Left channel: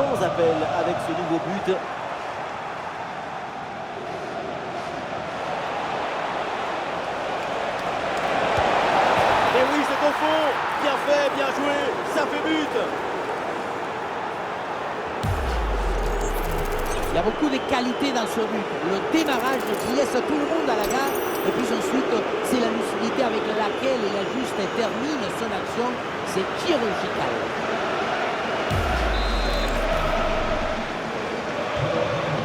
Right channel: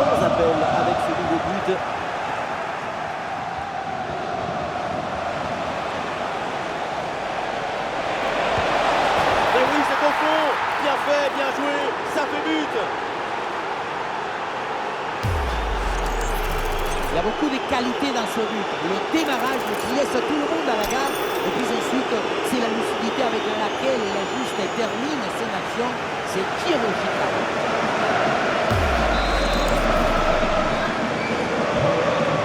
sans appel avec ce nouveau but. Et oui, c'est au fond. Bien fait, bien joué. Ça fait but. Il y a beaucoup de qualité dans ce but. Le démarrage qui laisse tout le monde à la gare. Et puis ensuite, c'est la lucidité avec laquelle il ajuste et termine son action. C'est chirurgical.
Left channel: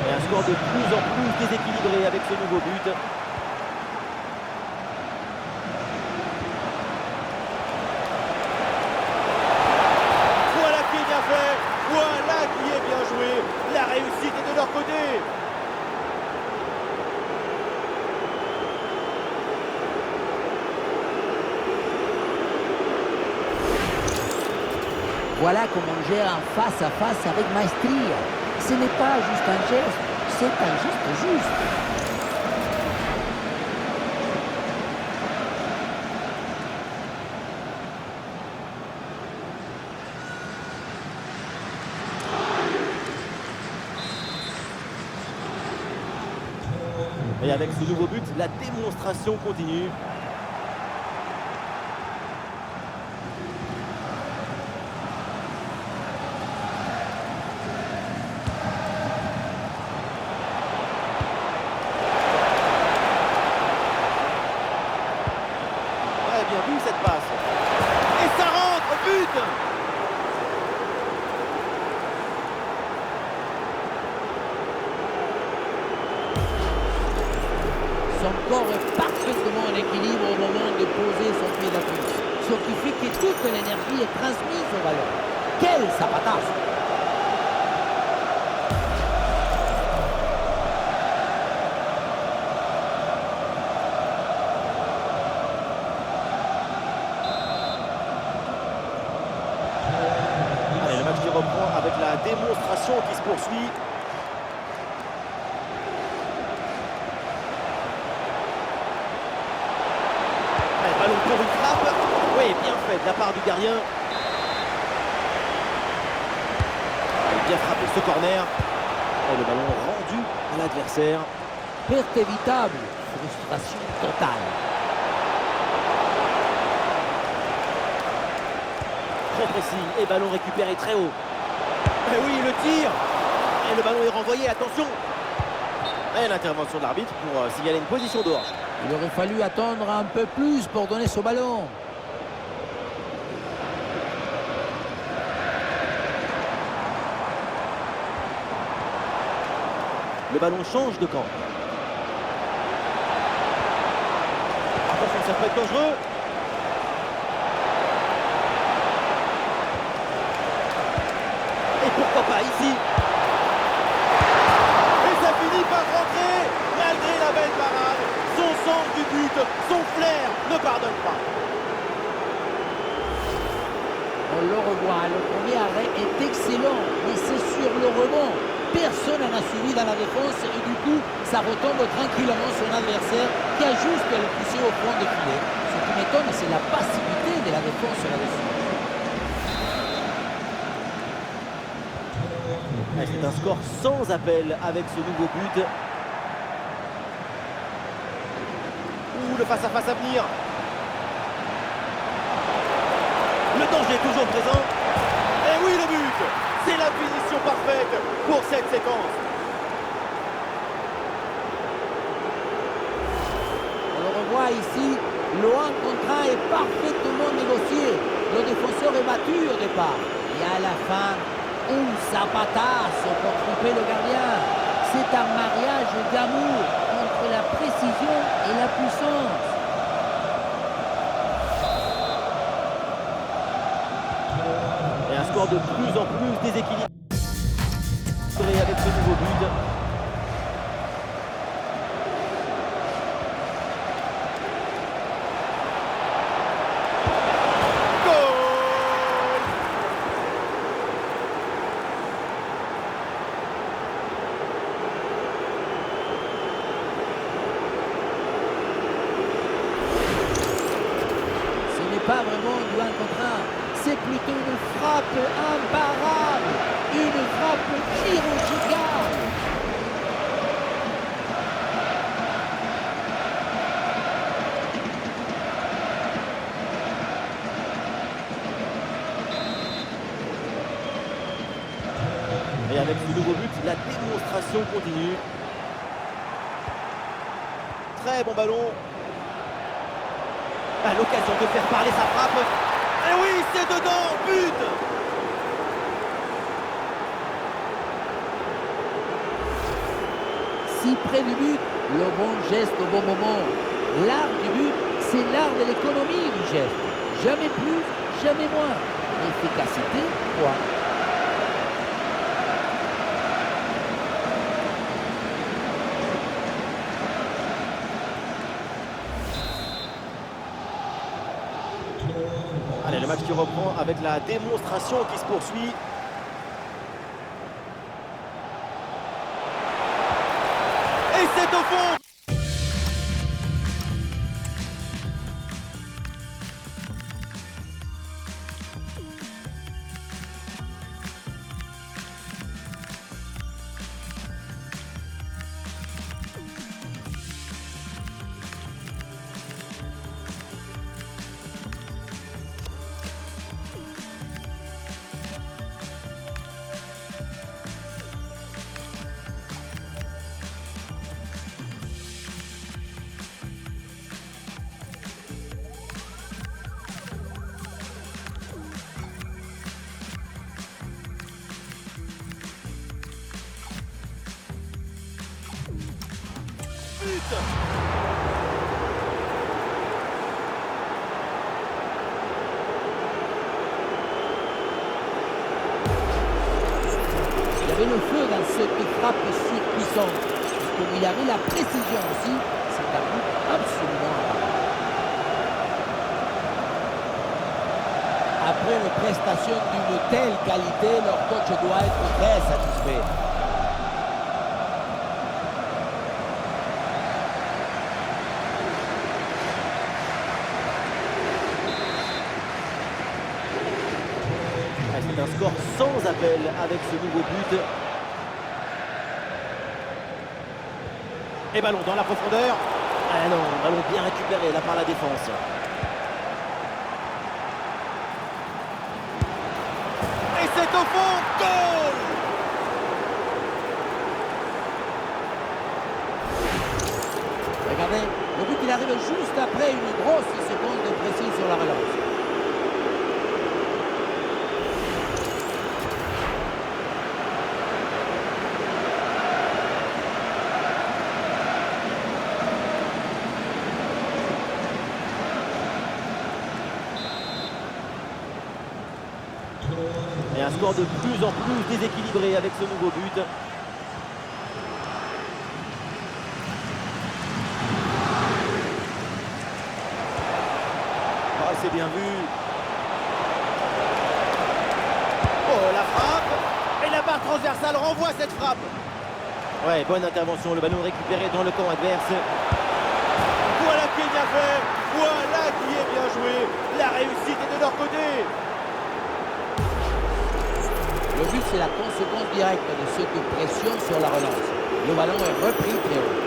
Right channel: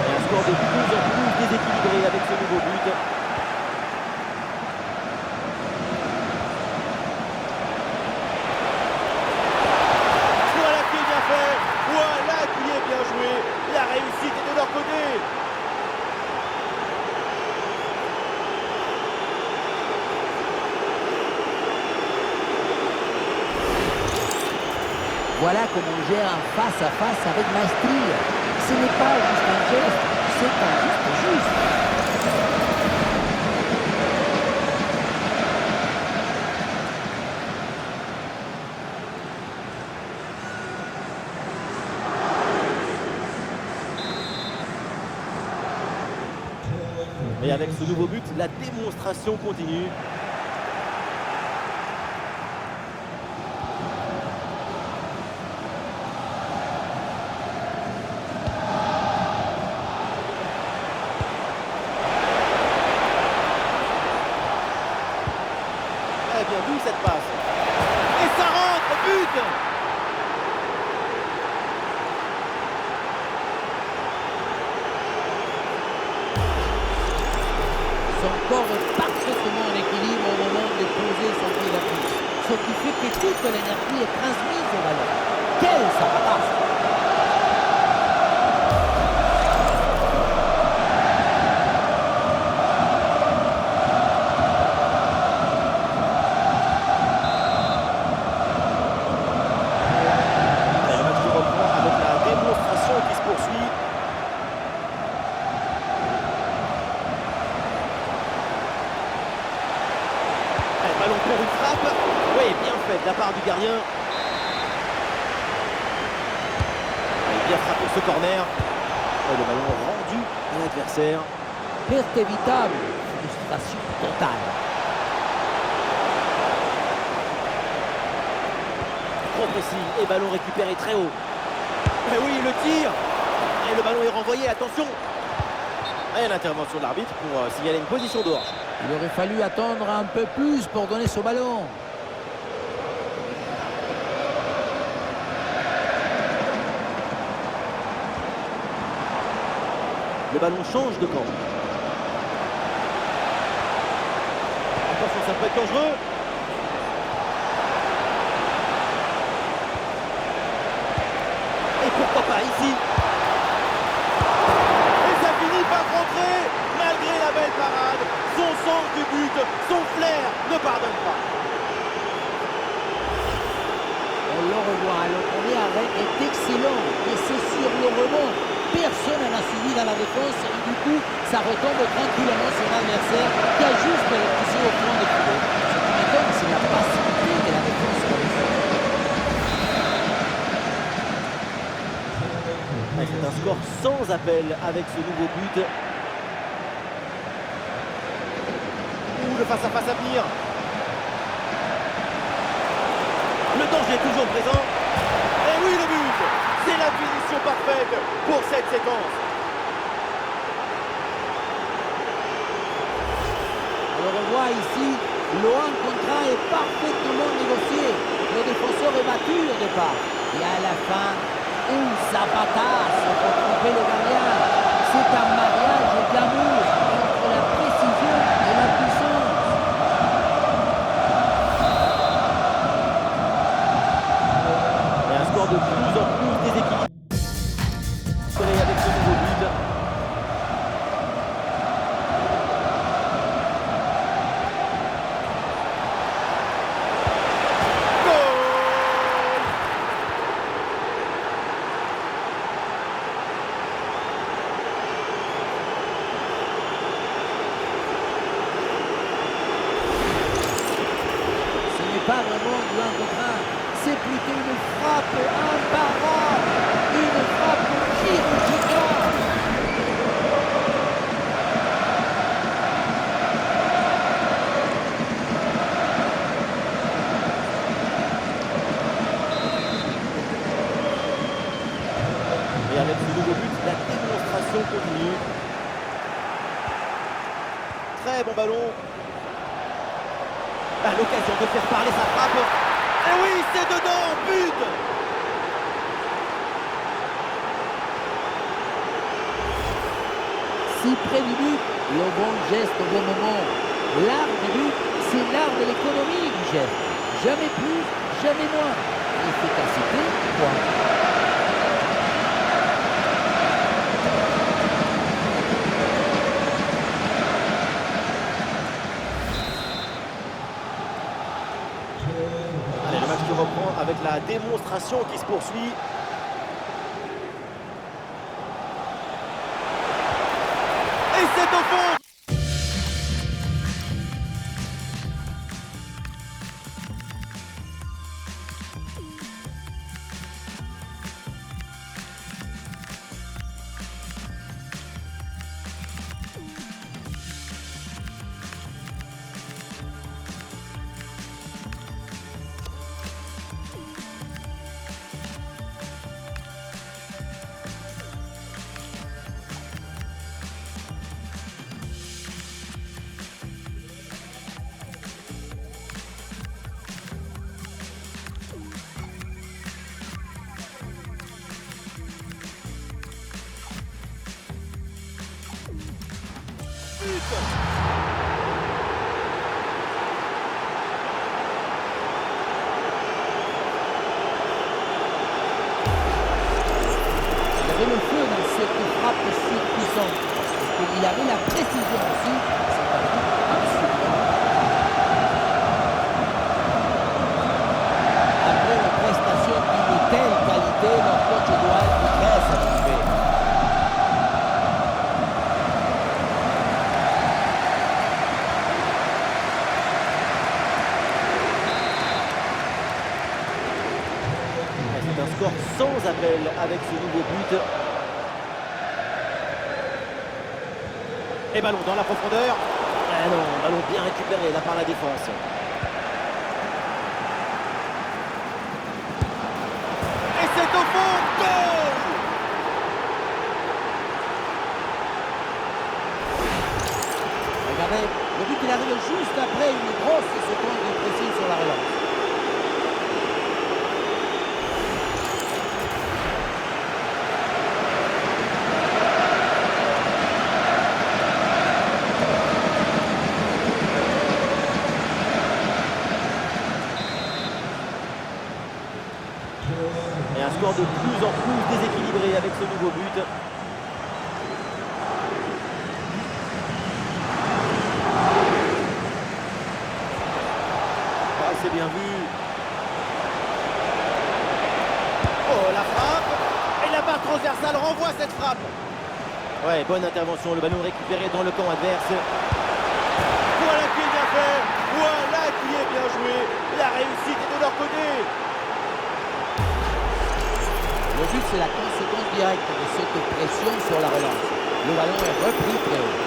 Et un score de plus en plus déséquilibré avec ce nouveau but. Voilà qui est bien fait. Voilà qui est bien joué. La réussite est de leur côté. Voilà comment on gère un face-à-face avec maestria. Ce n'est pas juste un geste, c'est un geste juste. Et avec ce nouveau but, la démonstration continue. Ouais, bien vu cette passe. Et ça rentre, but! Son corps est parfaitement en équilibre au moment de poser son pied d'appui. Ce qui fait que toute l'énergie est transmise au ballon. Quel zapatazo! Allez, le match qui reprend avec la démonstration qui se poursuit. Allez, ballon pour une frappe. Oui, bien fait de la part du gardien. Allez, bien frappé ce corner. Et le ballon rendu à l'adversaire. Perte évitable, frustration totale. Trop précis et ballon récupéré très haut. Et oui, le tir. Et le ballon est renvoyé, attention. Et l'intervention de l'arbitre pour signaler une position de hors. Il aurait fallu attendre un peu plus pour donner ce ballon. Le ballon change de camp. Attention, ça peut être dangereux. Et pourquoi pas ici. Et ça finit par rentrer. Malgré la belle parade, son sens du but, son flair ne pardonne pas. On le revoit, le premier arrêt est excellent, mais c'est sur le rebond. Personne n'en a suivi dans la défense et du coup, ça retombe tranquillement sur l'adversaire qui a juste le poussé au fond des filets. Ce qui m'étonne, c'est la passivité de la défense là-dessus. C'est un score sans appel avec ce nouveau but. Ouh, le face-à-face à venir. Le danger est toujours présent. Et oui, le but. C'est la finition parfaite pour cette séquence. On le revoit ici, le 1 contre 1 est parfaitement négocié. Le défenseur est battu au départ. Et à la fin, zapatazo pour tromper le gardien. C'est un mariage d'amour entre la précision et la puissance. Et un score de plus en plus déséquilibré avec ce nouveau but. Goal! Ce n'est pas vraiment du 1 contre 1. c'est plutôt une frappe imparable, une frappe chirurgicale. Et avec ce nouveau but, la démonstration continue. Très bon ballon. À l'occasion de faire parler sa frappe. Et oui, c'est dedans, but! Si près du but, le bon geste au bon moment. L'art du but, c'est l'art de l'économie du geste. Jamais plus, jamais moins. L'efficacité, point. Allez, le match qui reprend avec la démonstration qui se poursuit. Et c'est au fond! Il y avait le feu dans cette frappe surpuissante. Et comme il avait la précision aussi, c'est un but absolument imparable. Après une prestation d'une telle qualité, leur coach doit être très satisfait. C'est un score sans appel avec ce nouveau but. Et ballon dans la profondeur. Ah non, ballon bien récupéré là par la défense. Et c'est au fond, goal! Regardez, le but il arrive juste après une grosse seconde de pression sur la relance. Et un score de plus en plus déséquilibré avec ce nouveau but. Ah, c'est bien vu. Oh, la frappe. Et la barre transversale renvoie cette frappe. Ouais, bonne intervention. Le ballon récupéré dans le camp adverse. Voilà qui est bien fait. Voilà qui est bien joué. La réussite est de leur côté. Le but, c'est la conséquence directe de cette pression sur la relance. Le ballon est repris très haut.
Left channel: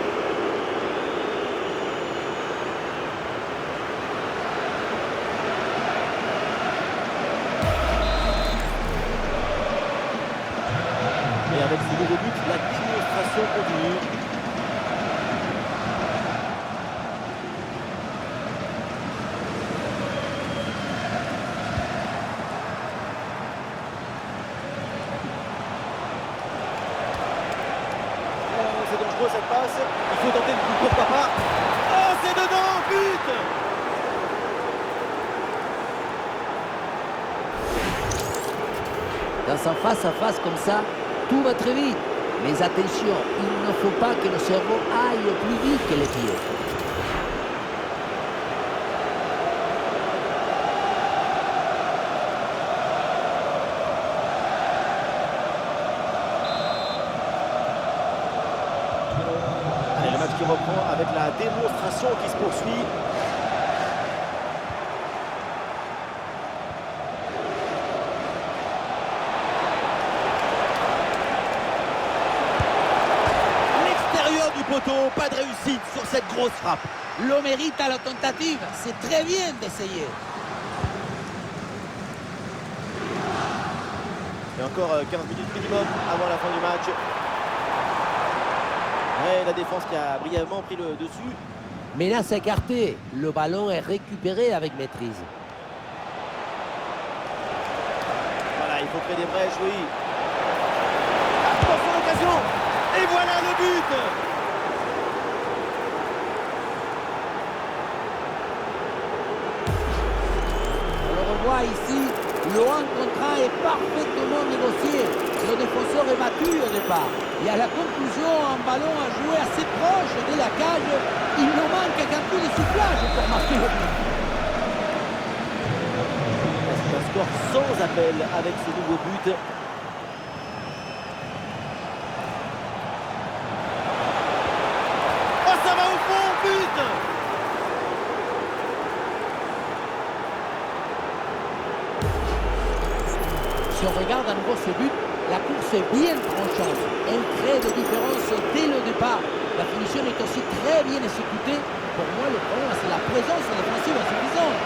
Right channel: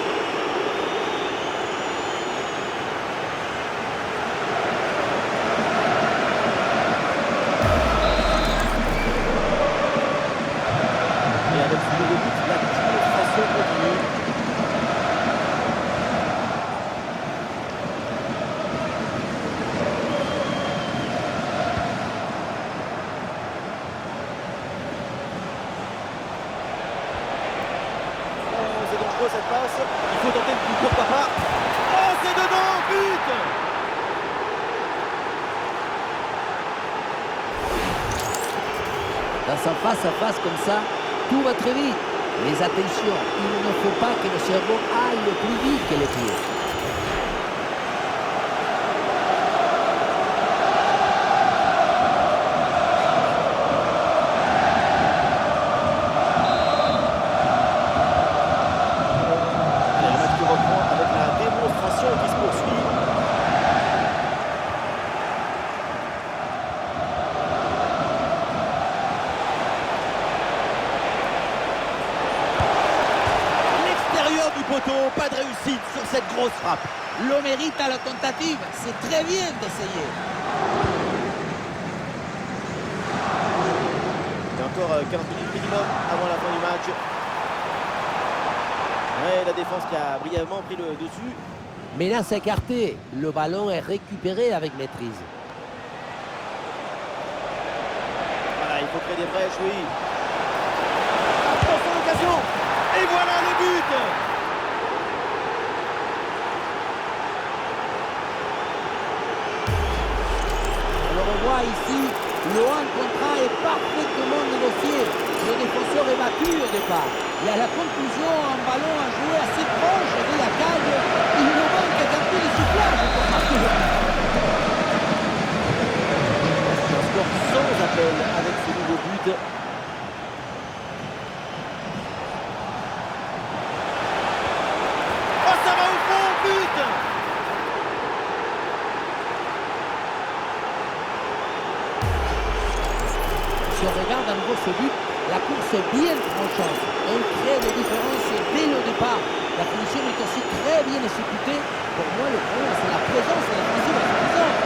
Et avec ce nouveau but, la démonstration continue. C'est dangereux cette passe. Il faut tenter le coup, pourquoi pas. Oh, c'est dedans, but! Dans un face-à-face comme ça, tout va très vite. Mais attention, il ne faut pas que le cerveau aille plus vite que les pieds. Allez, le match qui reprend avec la démonstration qui se poursuit. du poteau, pas de réussite sur cette grosse frappe. Le mérite à la tentative, c'est très bien d'essayer. Il y a encore 15 minutes minimum avant la fin du match. Ouais, la défense qui a brièvement pris le dessus. Mais là, c'est écarté. Le ballon est récupéré avec maîtrise. Voilà, il faut créer des brèches, oui. Attention l'occasion. Et voilà le but. On le revoit ici. Le 1 contre 1 est parfaitement négocié. Le défenseur est battu au départ. Et à la conclusion, un ballon à jouer assez proche de la cage. Il nous manque qu'un coup de soufflage pour marquer le but. C'est un score sans appel avec ce nouveau but. Oh, ça va au fond, but! Si on regarde à nouveau ce but, la course est bien tranchante. Elle crée des différences dès le départ. La finition est aussi très bien exécutée. Pour moi, le problème, c'est la présence défensive insuffisante.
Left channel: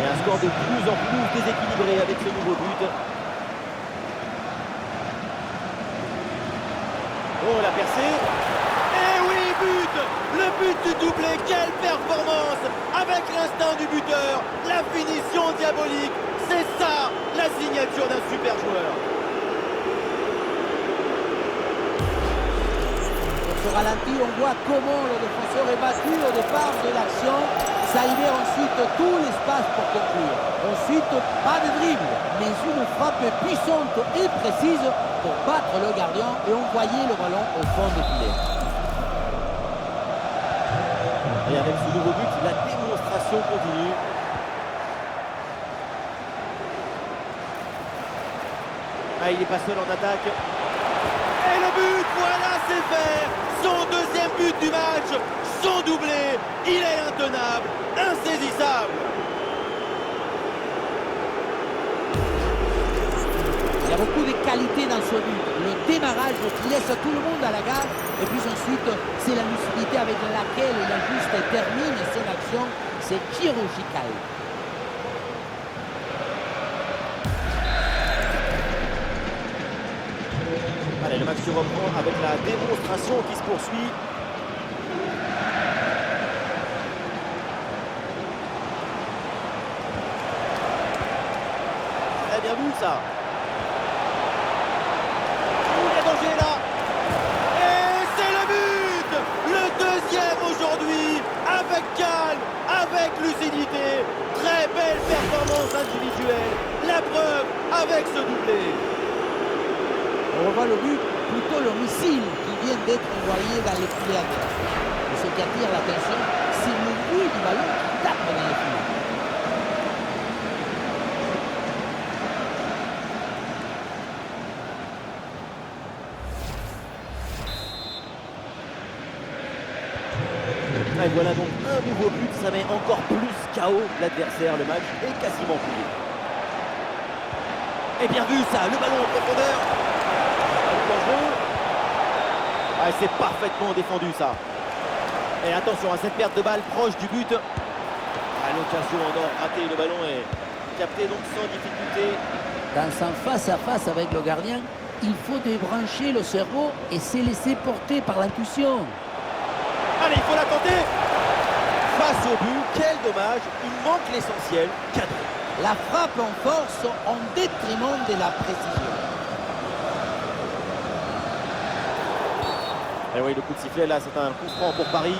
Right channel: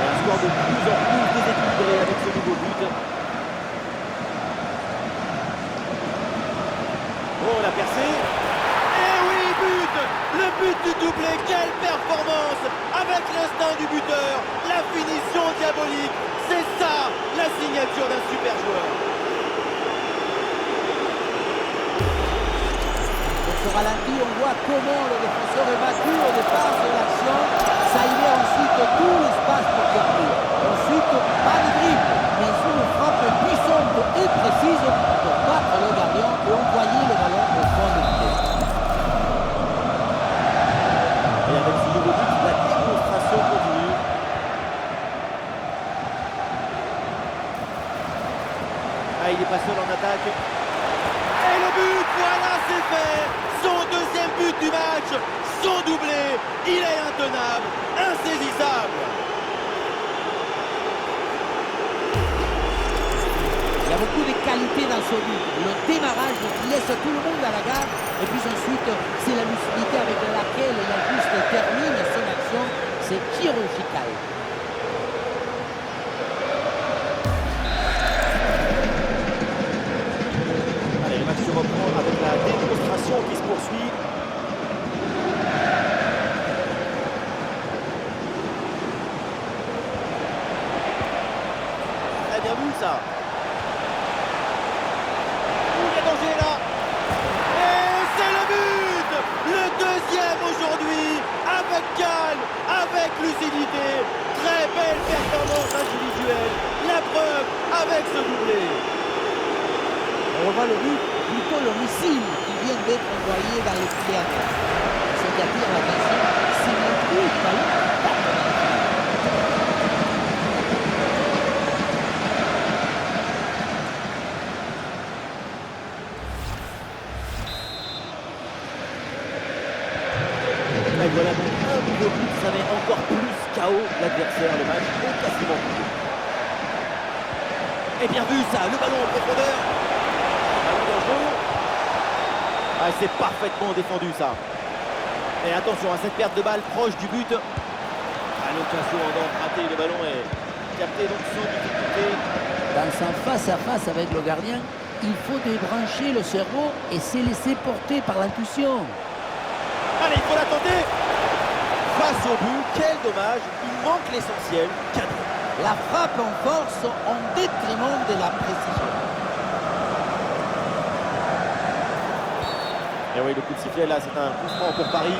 Et un score de plus en plus déséquilibré avec ce nouveau but. Oh, la percée. Et oui, but! Le but du doublé, quelle performance! Avec l'instinct du buteur, la finition diabolique, c'est ça la signature d'un super joueur. Dans ce ralenti, on voit comment le défenseur est battu au départ de l'action. Ça libère ensuite tout l'espace pour conclure. Ensuite, pas de dribble, mais une frappe puissante et précise pour battre le gardien et envoyer le ballon au fond du filet. Et avec ce nouveau but, la démonstration continue. Ah, il n'est pas seul en attaque. Et le but, voilà, c'est fait. Son deuxième but du match, son doublé. Il est intenable, insaisissable. Il y a beaucoup de qualité dans ce but. Le démarrage qui laisse tout le monde à la gare. Et puis ensuite, c'est la lucidité avec laquelle il ajuste et termine son action. C'est chirurgical. Allez, le match se reprend avec la démonstration qui se poursuit. Très bien vu ça. Il y a danger là. Et c'est le but! Le deuxième aujourd'hui, avec calme, avec lucidité. Très belle performance individuelle. La preuve avec ce doublé. On revoit le but, plutôt le missile qui vient d'être envoyé dans les filets adverses. Ce qui attire l'attention, c'est le bruit du ballon qui tape dans les filets. Et voilà donc un nouveau but, ça met encore plus KO l'adversaire. Le match est quasiment plié. Et bien vu ça, le ballon en profondeur. Ballon dangereux. Ah, c'est parfaitement défendu ça. Et attention à cette perte de balle proche du but. Ah, l'occasion en or ratée, le ballon est capté donc sans difficulté. Dans un face-à-face avec le gardien, il faut débrancher le cerveau et se laisser porter par l'intuition. Allez, il faut la tenter. Face au but, quel dommage, il manque l'essentiel, cadré. La frappe en force en détriment de la précision. Et oui, le coup de sifflet là, c'est un coup franc pour Paris.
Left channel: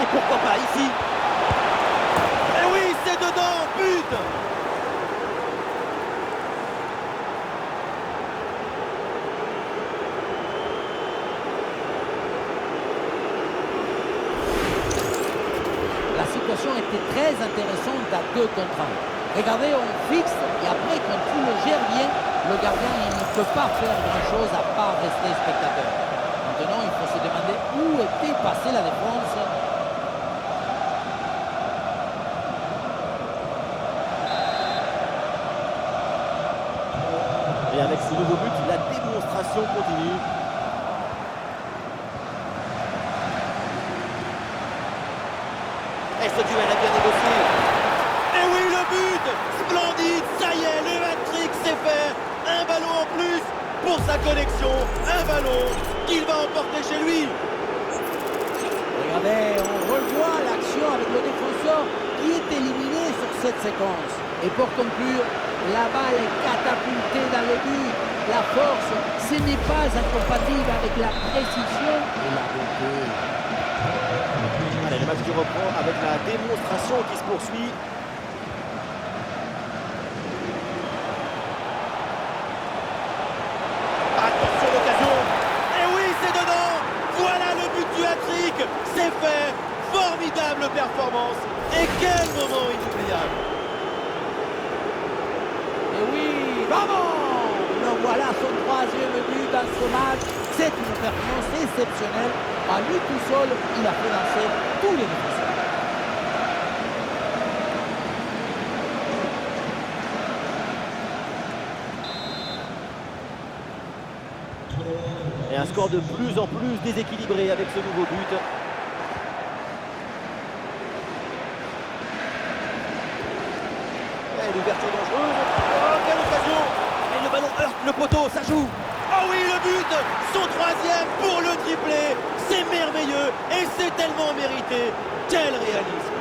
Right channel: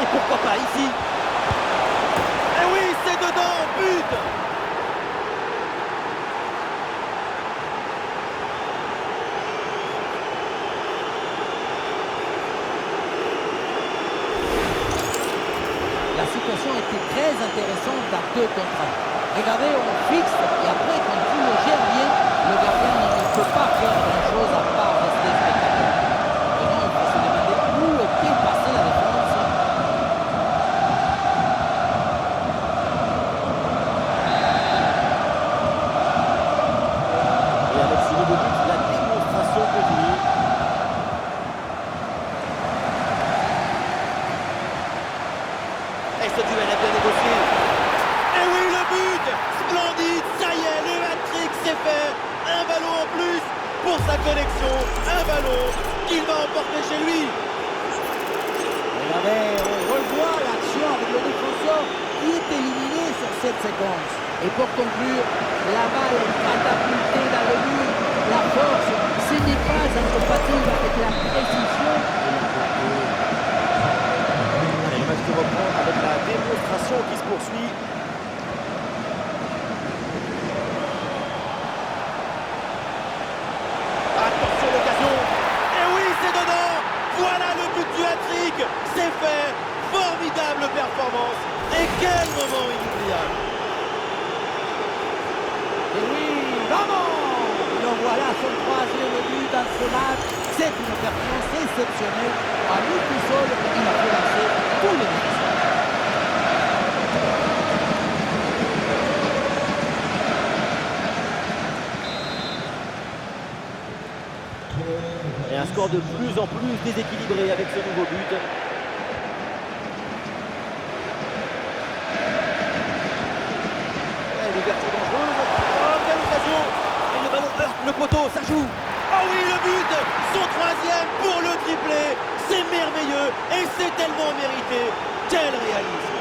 Et pourquoi pas ici? Et oui, c'est dedans, but! La situation était très intéressante à 2 contre 1. Regardez, on fixe et après, quand tu le gères bien, le gardien il ne peut pas faire grand-chose à part rester spectateur. Maintenant, il faut se demander où tout et dépasser la défense. Et avec ce nouveau but, la démonstration continue. Et ce duel a bien négocié. Et oui, le but! Splendide, ça y est, le hat-trick c'est fait. Un ballon en plus pour sa connexion. Un ballon qu'il va emporter chez lui. Regardez, on revoit l'action avec le défenseur qui est éliminé sur cette séquence. Et pour conclure, la balle est catapultée dans le but. La force, ce n'est pas incompatible avec la précision et la beauté. Allez, le match qui reprend avec la démonstration qui se poursuit. Attention l'occasion. Et oui, c'est dedans. Voilà le but du hat-trick. C'est fait. Formidable performance. Et quel moment inoubliable. Et oui, vamos! Le voilà son troisième but dans ce match. C'est une performance exceptionnelle. À lui tout seul, il a fait lancer tous les défenseurs. Et un score de plus en plus déséquilibré avec ce nouveau but. Et l'ouverture dangereuse. Oh, quelle occasion! Et le ballon heurte le poteau, ça joue. Oh oui, le but! Son troisième pour le triplé. C'est merveilleux et c'est tellement mérité. Quel réalisme!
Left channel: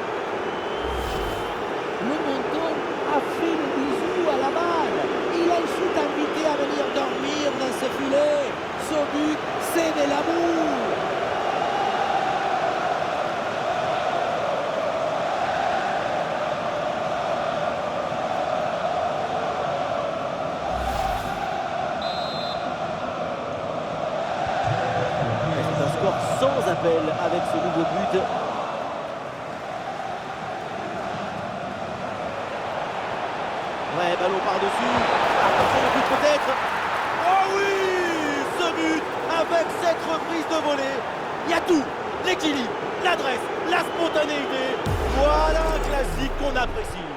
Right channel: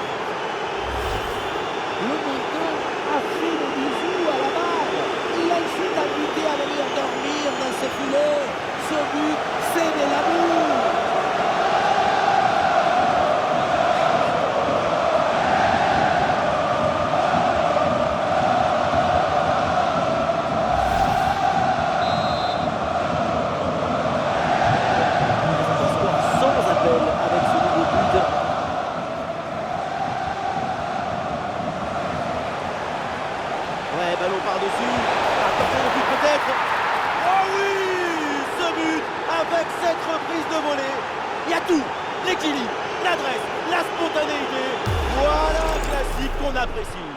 Le monton a fait le bisou à la balle. Il a ensuite invité à venir dormir dans ce filet. Ce but, c'est de l'amour. C'est un score sans appel avec ce nouveau but. Ouais, ballon par-dessus. Attention le but peut-être. Oh oui! Ce but avec cette reprise de volée. Il y a tout. L'équilibre, l'adresse, la spontanéité. Voilà un classique qu'on apprécie.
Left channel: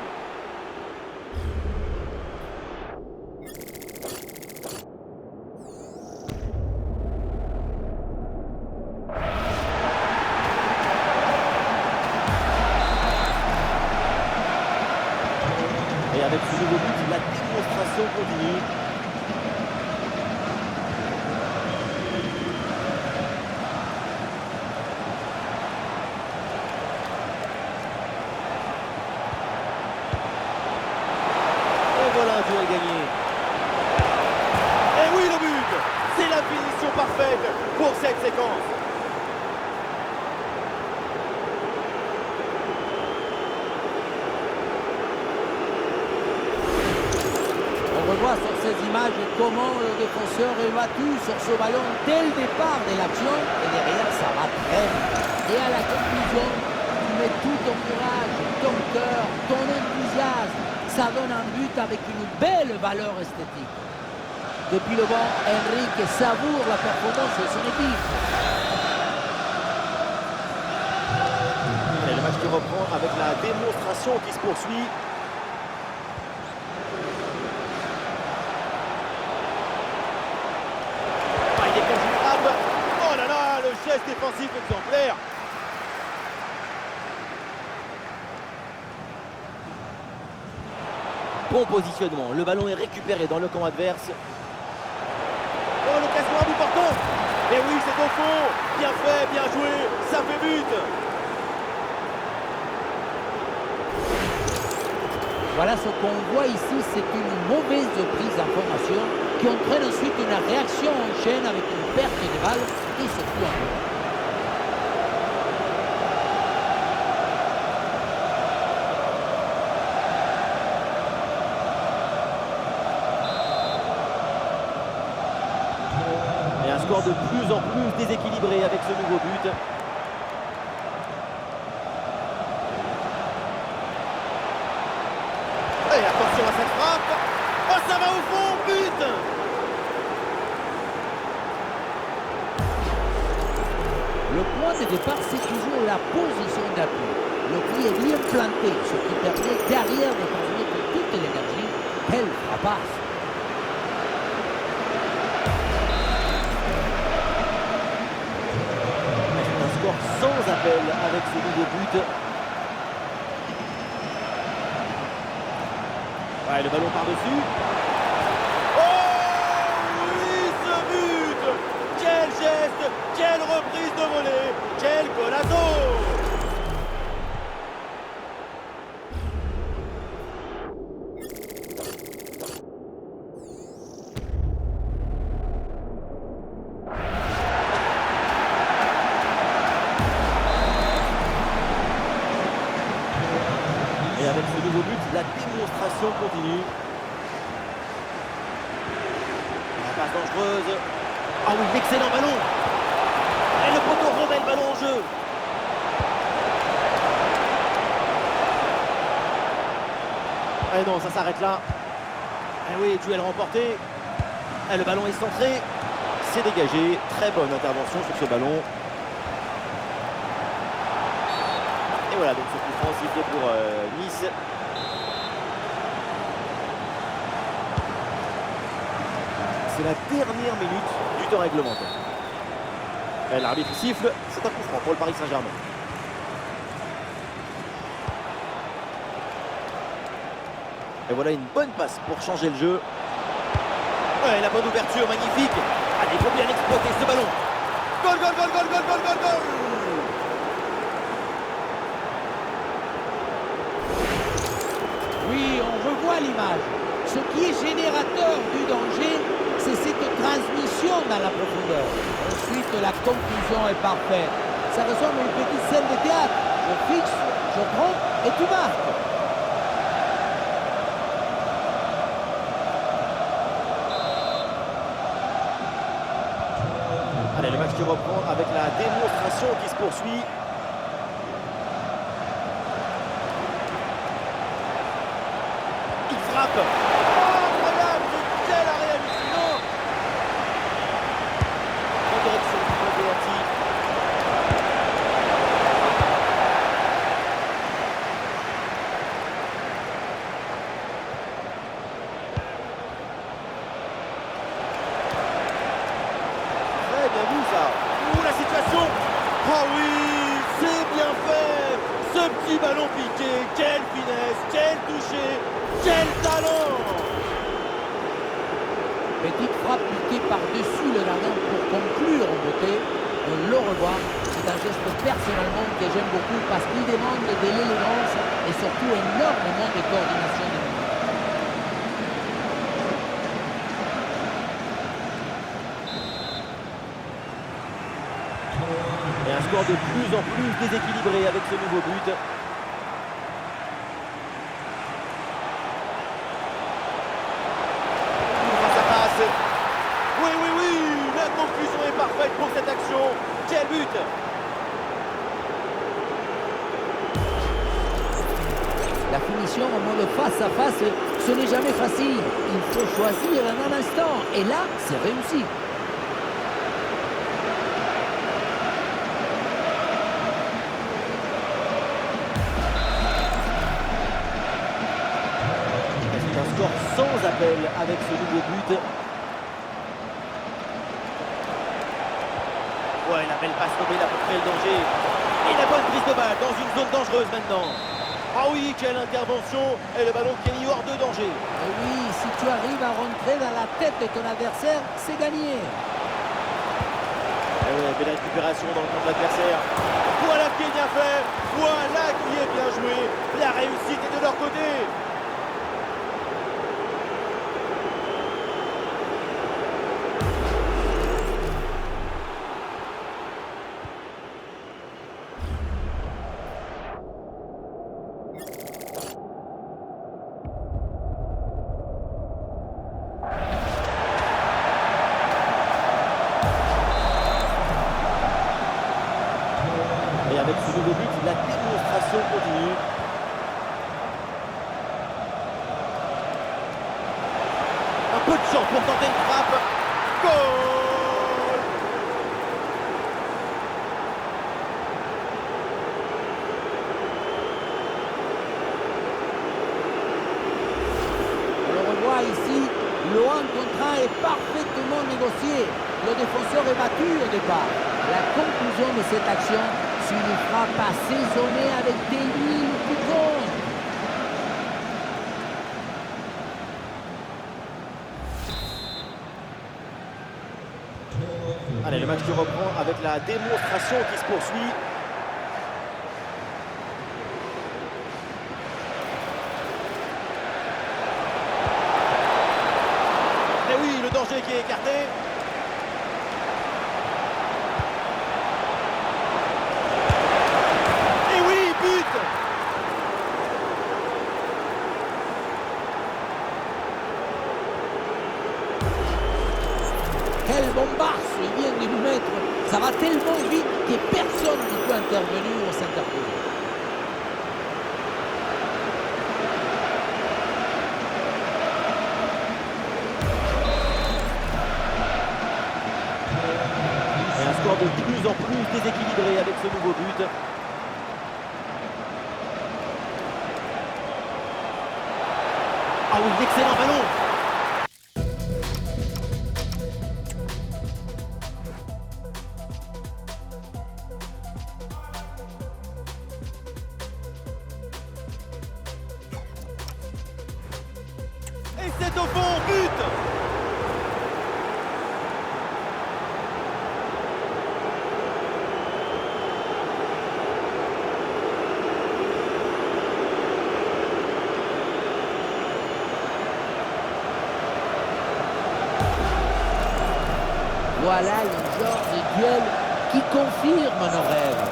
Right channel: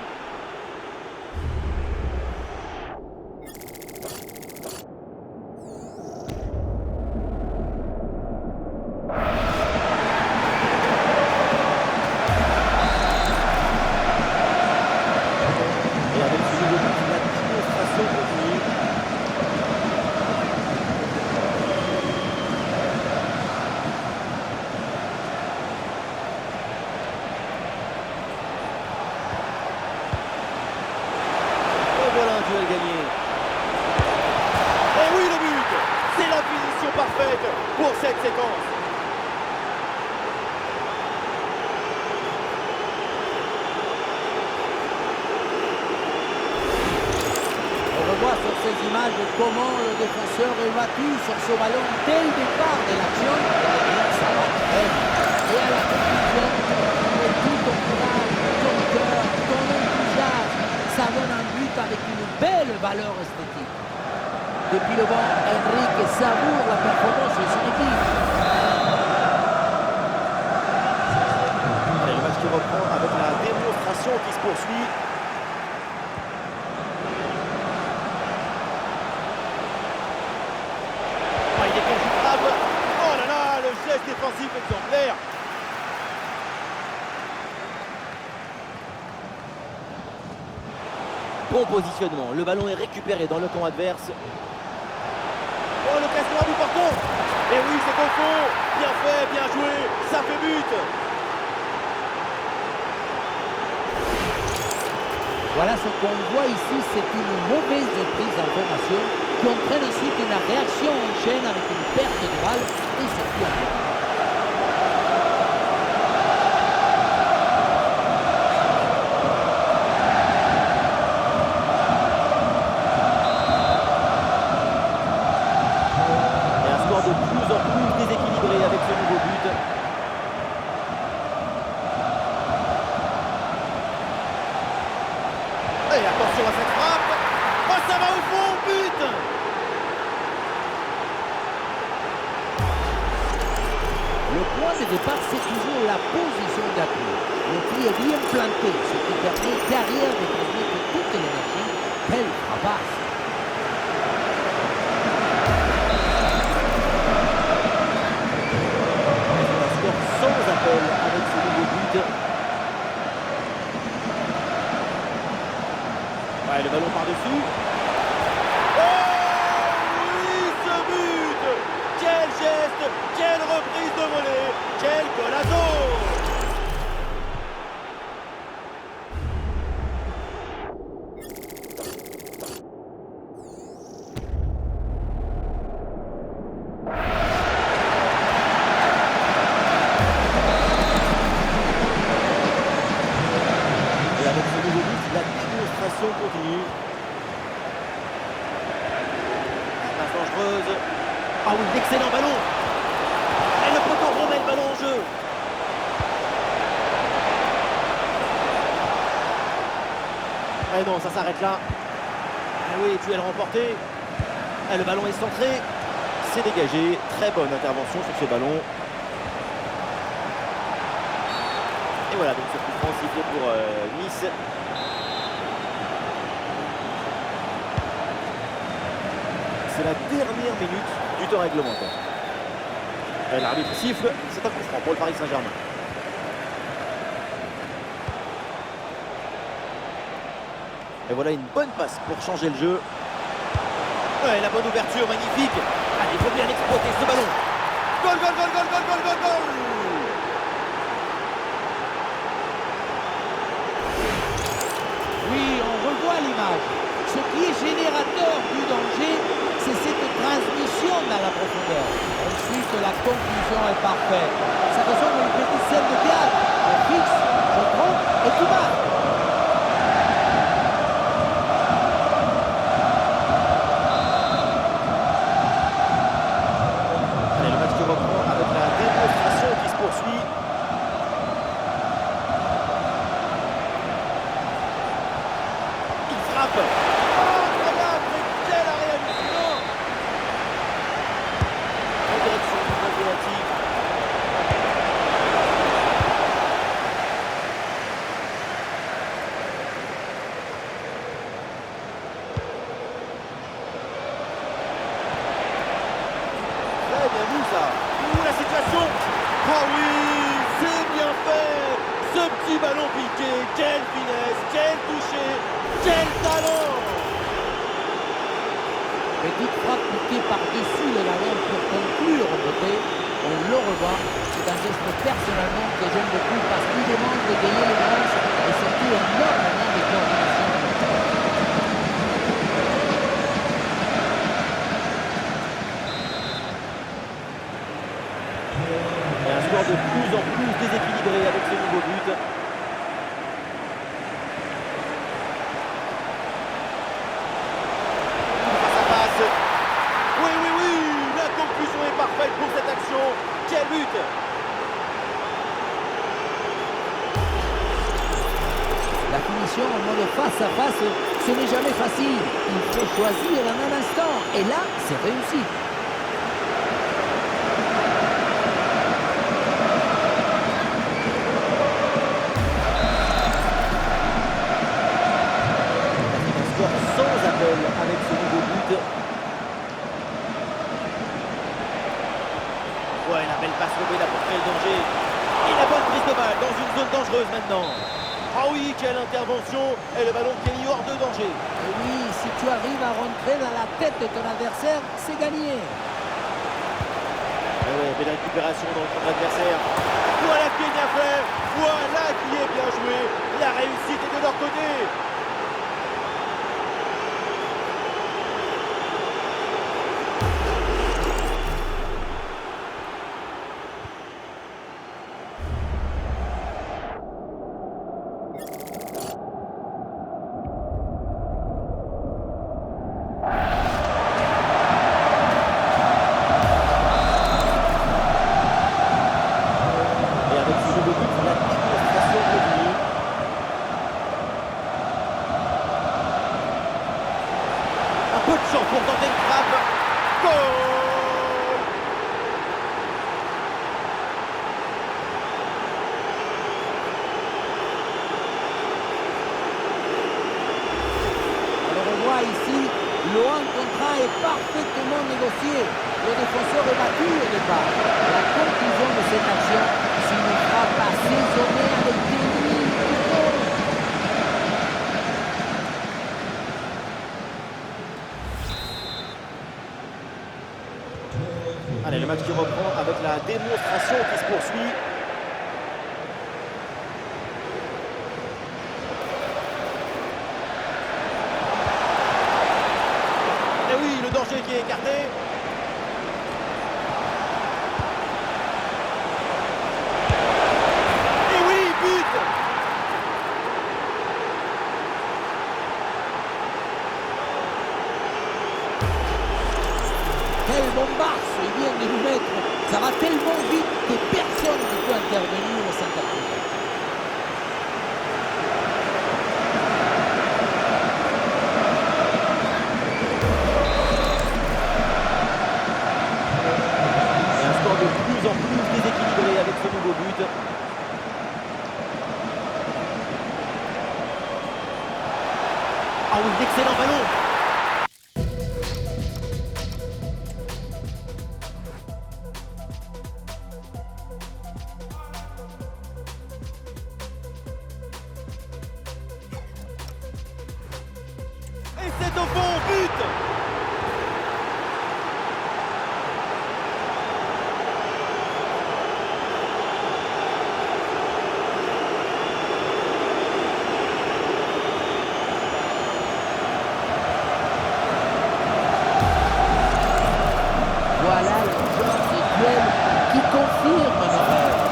Et avec ce nouveau but, la démonstration continue. Et voilà un duel gagné. Et oui, le but! C'est la finition parfaite pour cette séquence. On revoit sur ces images comment le défenseur est battu sur ce ballon dès le départ de l'action et derrière ça va très vite. Et à la conclusion, tu mets tout ton courage, ton cœur, ton enthousiasme. Ça donne un but avec une belle valeur esthétique. Depuis le banc, Enrique savoure la performance de son équipe. Allez, le match qui reprend avec la démonstration qui se poursuit. Il déclenche une frappe. Oh là là, le geste défensif exemplaire. Bon positionnement, le ballon est récupéré dans le camp adverse. Oh, l'occasion à bout portant. Et oui, c'est au fond. Bien fait, bien joué, ça fait but. Voilà ce qu'on voit ici, c'est une mauvaise prise d'information qui entraîne ensuite une réaction en chaîne avec une perte de balle et surtout un but. Et un score de plus en plus déséquilibré avec ce nouveau but. Et attention à cette frappe. Oh, ça va au fond, but. Le point de départ, c'est toujours la position d'appui. Le pied est bien planté, ce qui permet derrière de transmettre toute l'énergie. Quelle frappasse! C'est un score sans appel avec ce nouveau but. Ouais, le ballon par-dessus. Oh oui, ce but! Quel geste! Quelle reprise de volée! Quel golazo! Et avec ce nouveau but, la démonstration continue. La passe dangereuse. Ah oui, l'excellent ballon. Et le poteau remet le ballon en jeu. Eh non, ça s'arrête là. Eh oui, duel remporté. Et le ballon est centré. C'est dégagé. Très bonne intervention sur ce ballon. Et voilà, donc ce coup franc sifflé pour Nice. C'est la dernière minute du temps réglementaire. L'arbitre siffle, c'est un coup franc pour le Paris Saint-Germain. Et voilà une bonne passe pour changer le jeu. Ouais, la bonne ouverture, magnifique. Allez, il faut bien exploiter ce ballon. Goal, goal, goal, goal, goal, goal, goal, goal. Oui, on revoit l'image. Ce qui est générateur du danger, c'est cette transmission dans la profondeur. Ensuite, la conclusion est parfaite. Ça ressemble à une petite scène de théâtre. Je fixe, je trompe et tu marques. Allez, le match qui reprend avec la démonstration qui se poursuit. Il frappe. Incroyable, mais quel arrêt hallucinant. En direction du point pénalty. Très bien vu ça. Ouh, la situation. Oh oui, c'est bien fait. Ce petit ballon piqué, quelle finesse, quel toucher, quel talent. Petite frappe piquée par-dessus le gardien pour conclure en beauté. On le revoit. C'est un geste personnellement que j'aime beaucoup parce qu'il demande de l'élégance et surtout énormément de coordination de mouvement. Et un score de plus en plus déséquilibré avec ce nouveau but. Face à face. Oui, oui, oui. La conclusion est parfaite pour cette action. Quel but! La finition en mode face à face, ce n'est jamais facile. Il faut choisir en un instant. Et là, c'est réussi. C'est un score sans appel avec ce nouveau but. Ouais, la belle passe lobée là pour créer le danger. Et la bonne prise de balle dans une zone dangereuse maintenant. Ah oui, quelle intervention. Et le ballon qui est mis hors de danger. Et oui, si tu arrives à rentrer dans la tête de ton adversaire, c'est gagné. Et ouais, belle récupération dans le camp de l'adversaire. Voilà qui est bien fait. Voilà qui est bien joué. La réussite est de leur côté. Et avec ce nouveau but, la démonstration continue. Un peu de chance pour tenter une frappe. Goal! revoit ici, le 1 contre 1 est parfaitement négocié. Le défenseur est battu au départ. La conclusion de cette action, c'est une frappe assaisonnée avec des lignes qui comptent. Allez, le match qui reprend avec la démonstration qui se poursuit. Et oui, le danger qui est écarté. Et oui, but! Quel bombasso il vient de lui mettre. Ça va tellement vite que personne ne peut intervenir ou s'interposer. Et un score de plus en plus déséquilibré avec ce nouveau but. Ah oui, excellent ballon! Et c'est au fond, but! Voilà le genre de duel qui confirme nos rêves.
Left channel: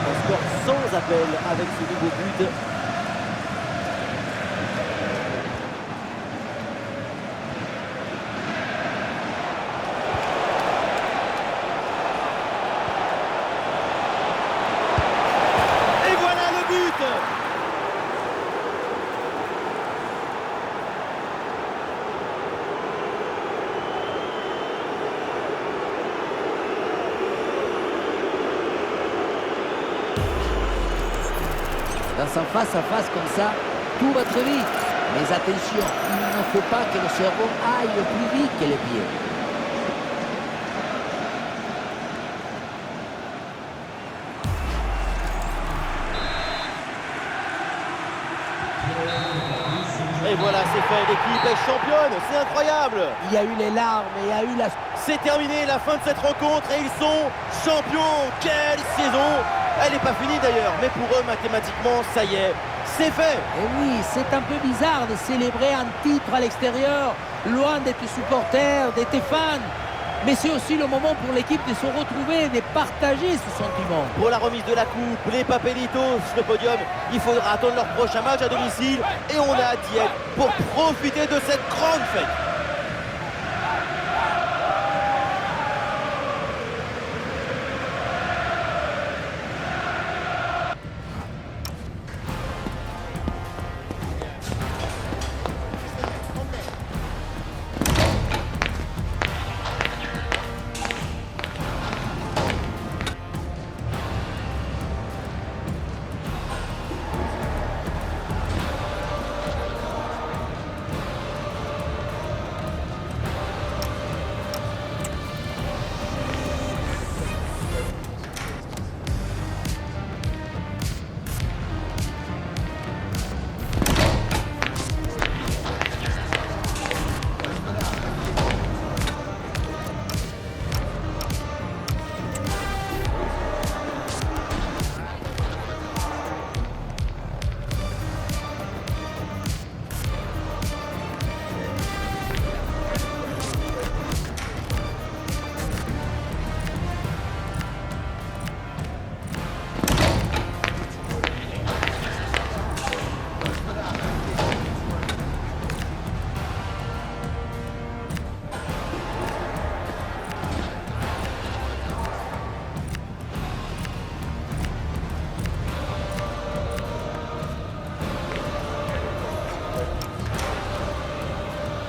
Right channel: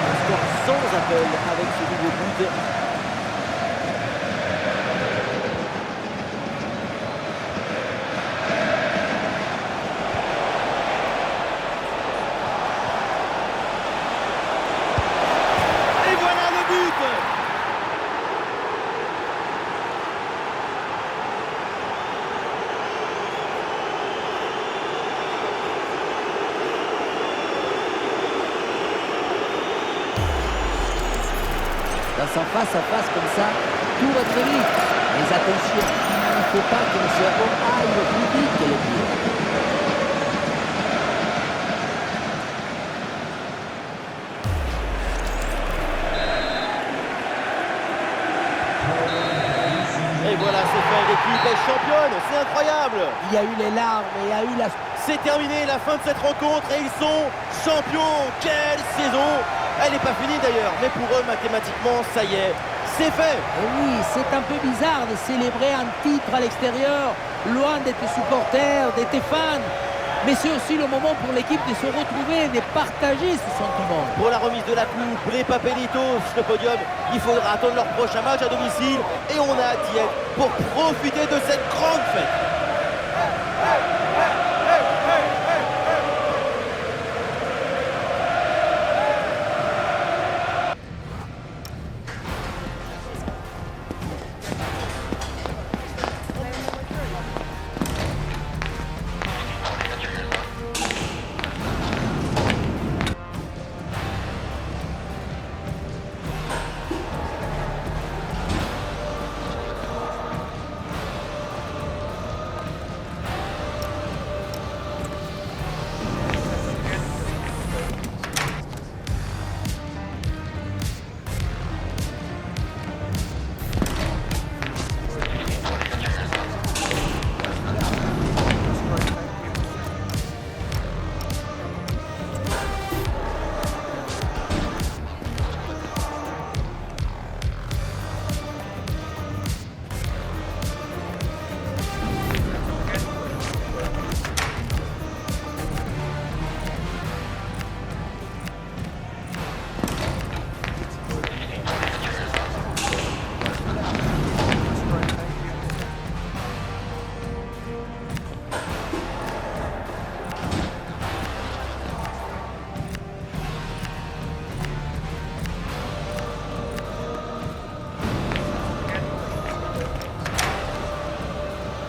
Un score sans appel avec ce nouveau but. Et voilà le but! Dans un face-à-face comme ça, tout va très vite. Mais attention, il ne faut pas que le cerveau aille plus vite que les pieds. Et voilà, c'est fait, l'équipe est championne, c'est incroyable! Il y a eu les larmes, il y a eu la... C'est terminé, la fin de cette rencontre et ils sont champions! Quelle saison! Elle n'est pas finie d'ailleurs, mais pour eux, mathématiquement, ça y est, c'est fait! Et oui, c'est un peu bizarre de célébrer un titre à l'extérieur, loin de tes supporters, de tes fans. Mais c'est aussi le moment pour l'équipe de se retrouver et de partager ce sentiment. Pour la remise de la coupe, les Papelitos, le podium, il faudra attendre leur prochain match à domicile et on a hâte d'y être pour profiter de cette grande fête.